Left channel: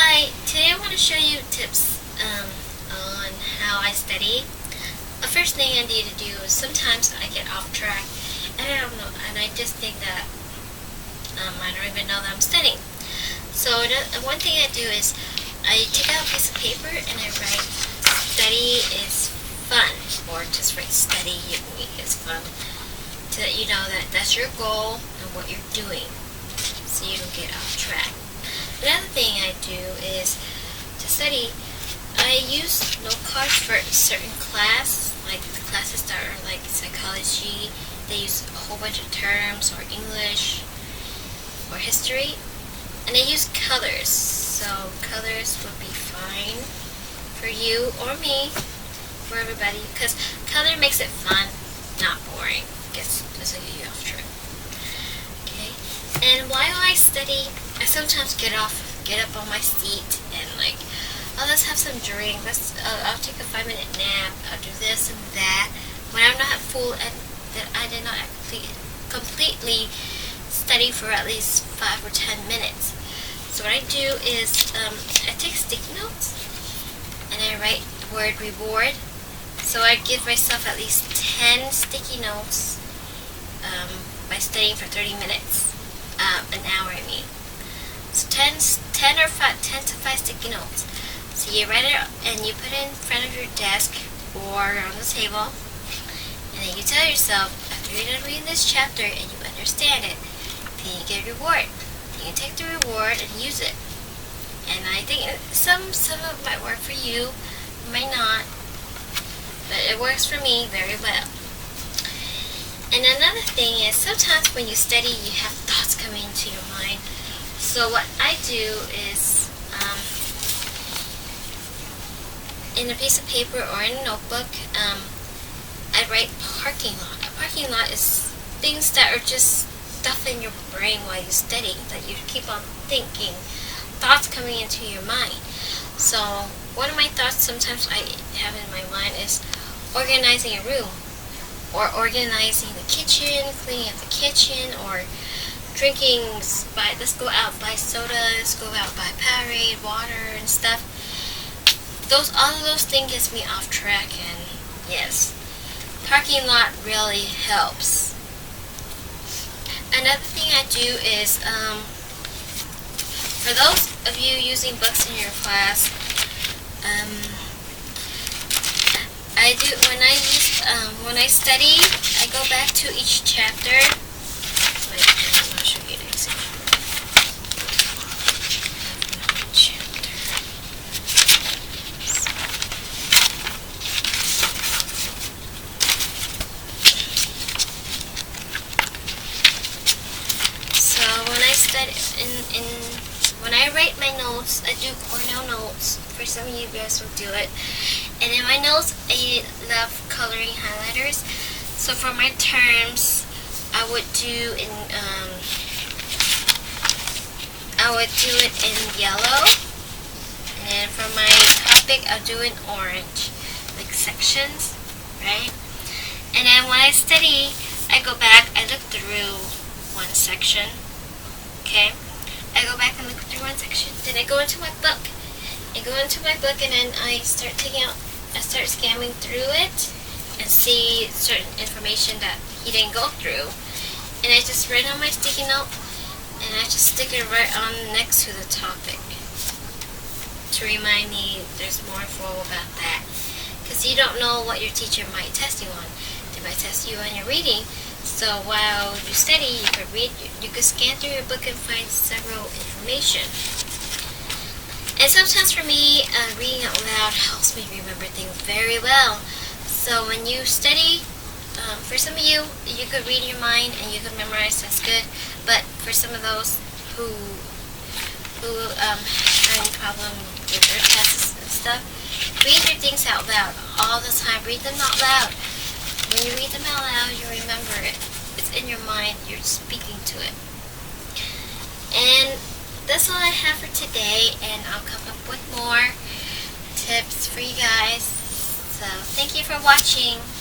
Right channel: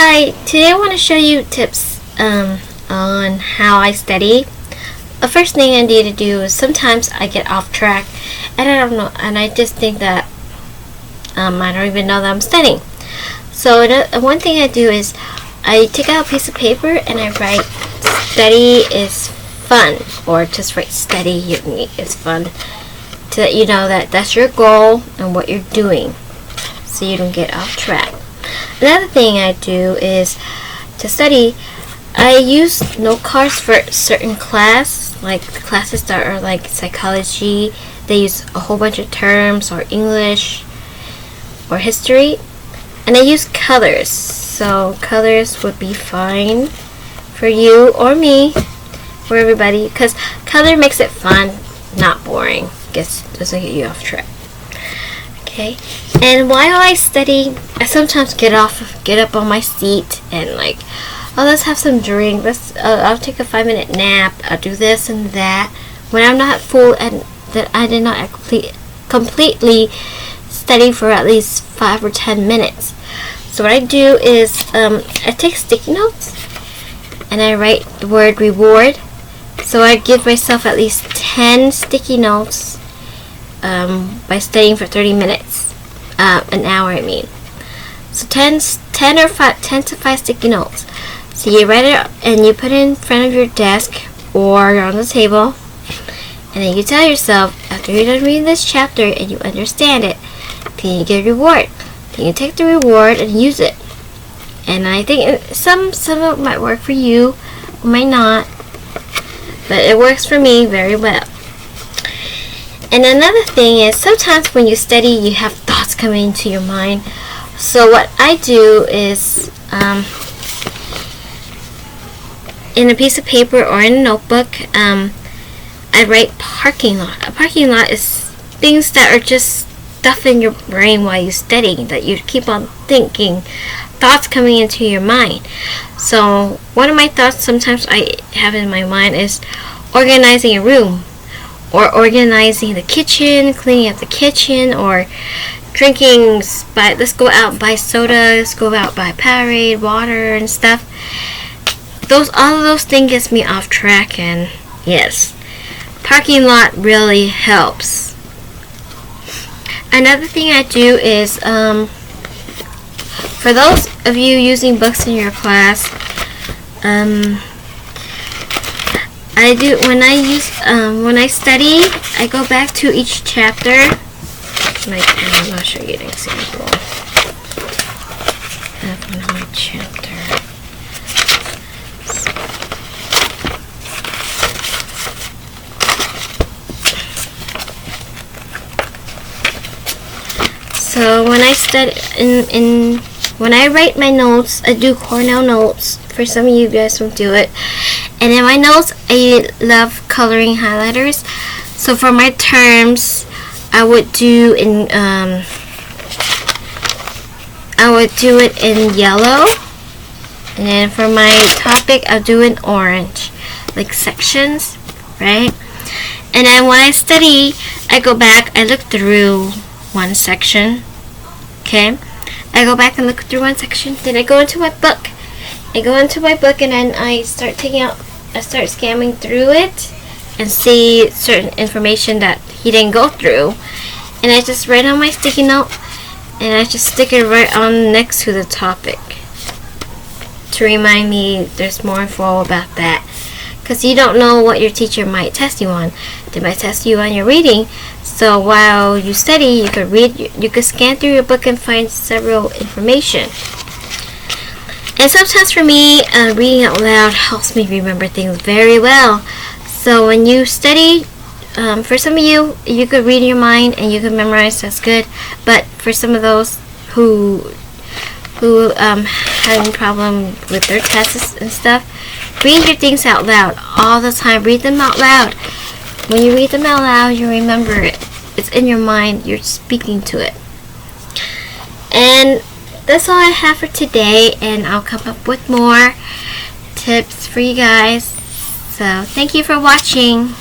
Hi, today I want to show you tips on how I study. The first thing I need to do is sometimes I get off track and I don't know, and I just think that I don't even know that I'm studying. So one thing I do is I take out a piece of paper and I write study is fun, or just write study is fun, to let you know that that's your goal and what you're doing so you don't get off track. Another thing I do is to study, I use note cards for certain class, like classes that are like psychology. They use a whole bunch of terms, or English, or history, and I use colors. So colors would be fine for you or me, for everybody, because color makes it fun, not boring. Doesn't get you off track. Okay, and while I study, I sometimes get up on my seat and let's have some drink. I'll take a 5-minute nap. I'll do this and that. When I'm not full and that I did not completely study for at least 5 or 10 minutes. So what I do is I take sticky notes and I write the word reward. So I give myself at least 10 sticky notes by studying for 30 minutes, an hour I mean. So 10 to 5 sticky notes. So you write it and you put it in front of your desk or on the table, and then you tell yourself, after you're done reading this chapter and you understand it, then you get a reward. Then you take the reward and use it. And I think some of it might work for you, might not, but it works for me very well. And another thing is, sometimes when you study, you have thoughts coming into your mind. So what I do is, in a piece of paper or in a notebook, I write parking lot. A parking lot is things that are just stuff in your brain while you study, that you keep on thinking, thoughts coming into your mind. So one of my thoughts sometimes I have in my mind is organizing a room, or organizing the kitchen, cleaning up the kitchen, or drinking, let's go out and buy soda, let's go out and buy Powerade, water and stuff. All of those things gets me off track, and yes, parking lot really helps. Another thing I do is, for those of you using books in your class, I do when I study, I go back to each chapter. I'll show you an example of another chapter. So when I study when I write my notes, I do Cornell notes. For some of you guys who do it. And in my notes, I love coloring highlighters. So for my terms, I would do it in yellow. And then for my topic, I'll do it in orange, like sections, right? And then when I study, I go back, I look through one section, okay? I go back and look through one section, then I go into my book. And then I start scamming through it and see certain information that he didn't go through. And I just write on my sticky note and I just stick it right on next to the topic to remind me there's more info about that. Because you don't know what your teacher might test you on. They might test you on your reading. So while you study, you could scan through your book and find several information. And sometimes for me, reading out loud helps me remember things very well. So when you study, for some of you, you could read in your mind and you could memorize, that's good. But for some of those who having problem with their tests and stuff, read your things out loud all the time. Read them out loud. When you read them out loud, you remember it. It's in your mind. You're speaking to it. And that's all I have for today, and I'll come up with more tips for you guys. So thank you for watching.